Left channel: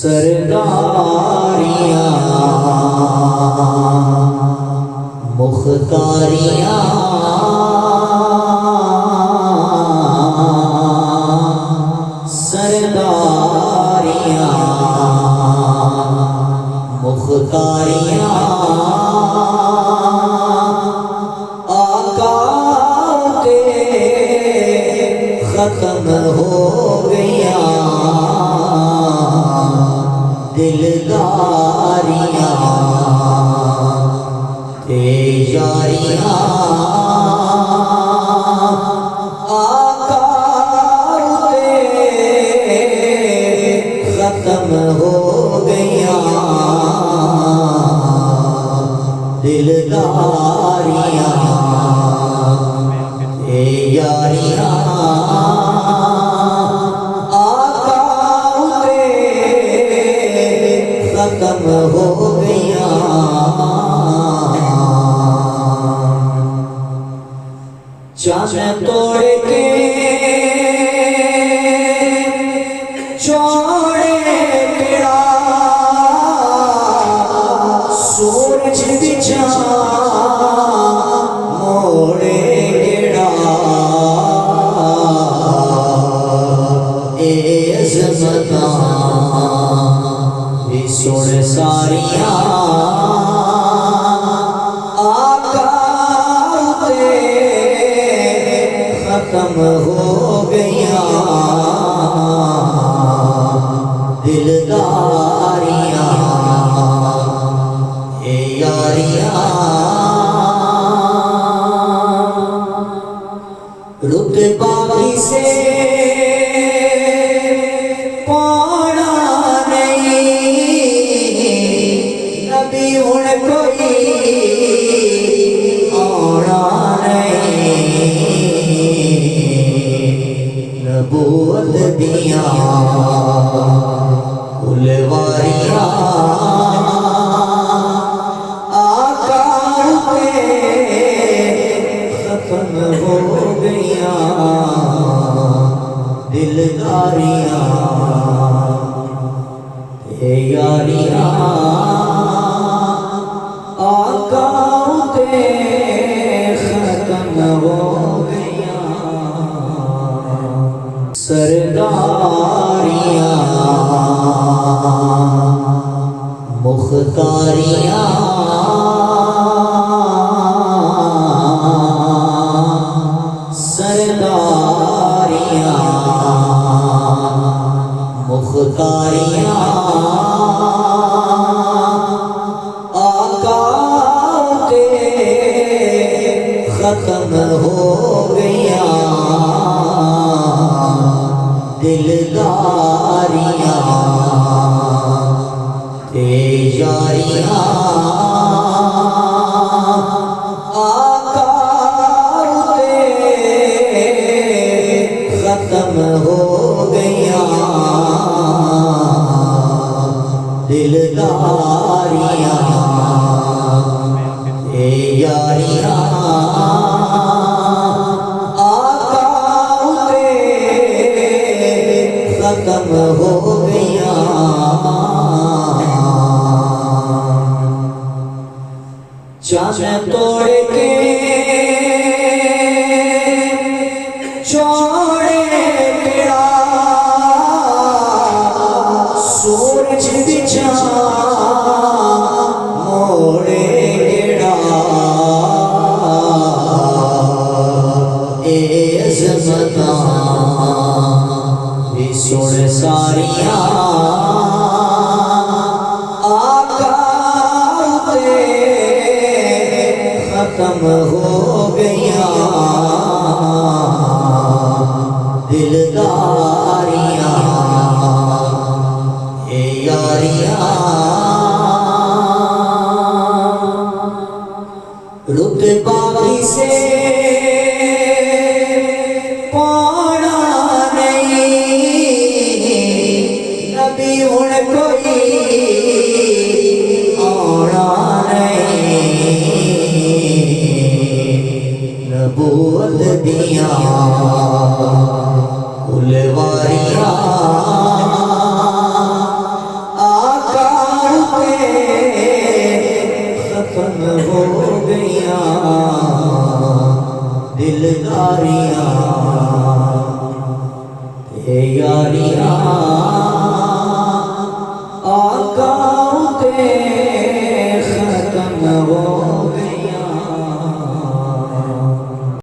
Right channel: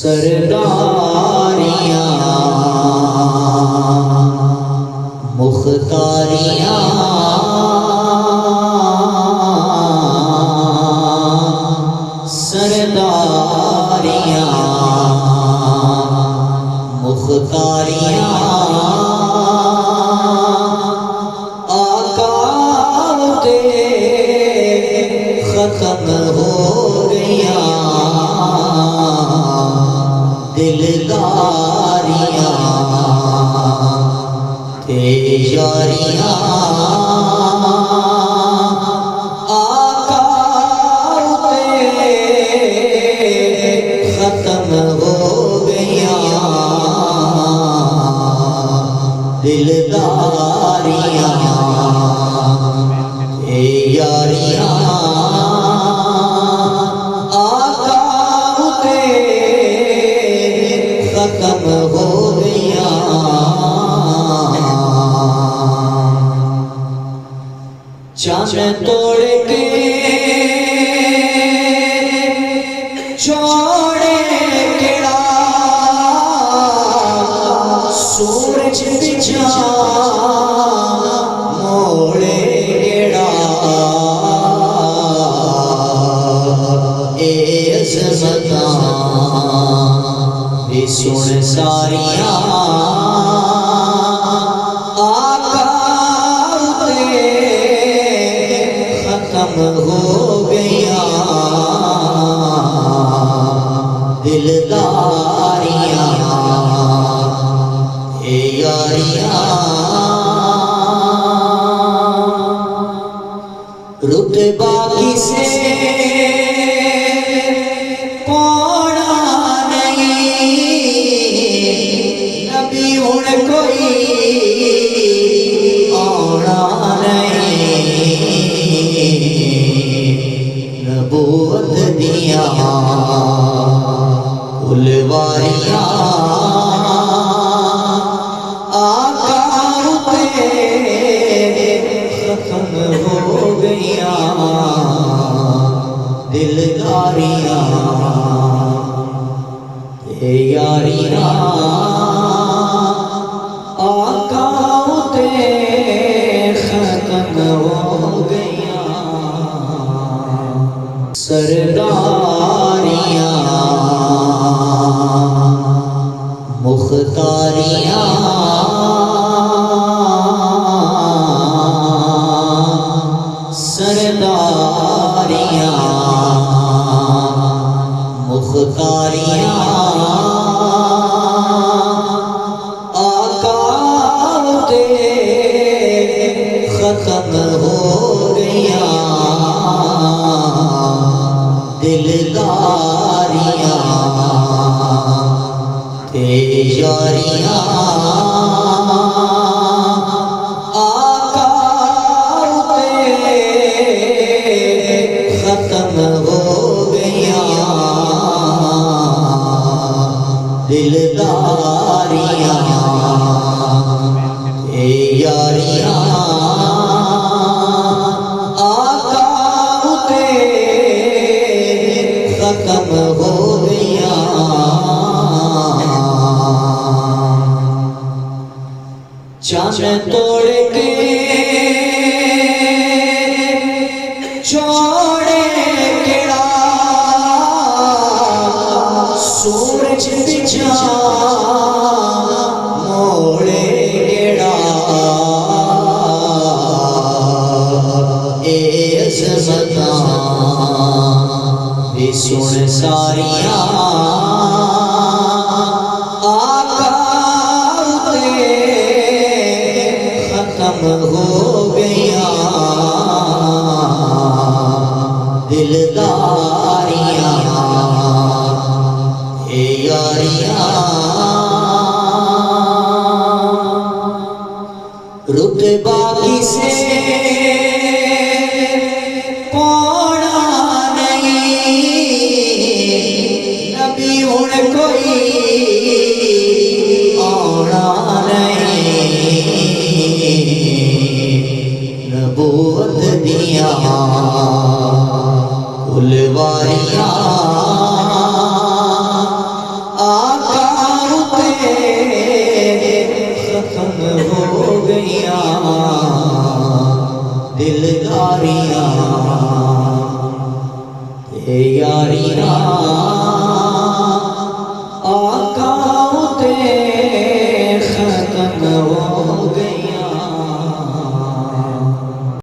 सरदारियाँ मुख्तारियाँ सरदारियाँ मुख्तारियाँ आका ते खत्म हो गया दिलदारियाँ ते यारियाँ आका ते खत्म हो गया दिलदारियाँ ते यारियाँ चाँद तोड़ के छोड़े केड़ा सूरज बिछा मोड़े केड़ा ए अज़मतां भी सुन सारियां हो गया दिलदारियाँ ए यारियाँ रुतबा किसे पाना नहीं नबी हुण कोई नबूवत दिया फुलवारियाँ आका पे खत्म हो गया दिलदारियाँ ते यारियाँ आका पे खत्म हो गया सरदारियाँ मुख्तारियाँ सरदारियाँ मुख्तारियाँ आका ते खत्म हो गया दिलदारियाँ ते यारियाँ आका ते खत्म हो गया दिलदारियाँ ते यारियाँ हो गया चाँद तोड़ के छोड़े केड़ा सूरज बिछा मोड़े केड़ा ए अज़मतां भी सुन सारियां आका ते खत्म हो गया दिलदारियाँ ए यारियाँ रुतबा किसे नबूवत दिया फुलवारियाँ दिलदारियां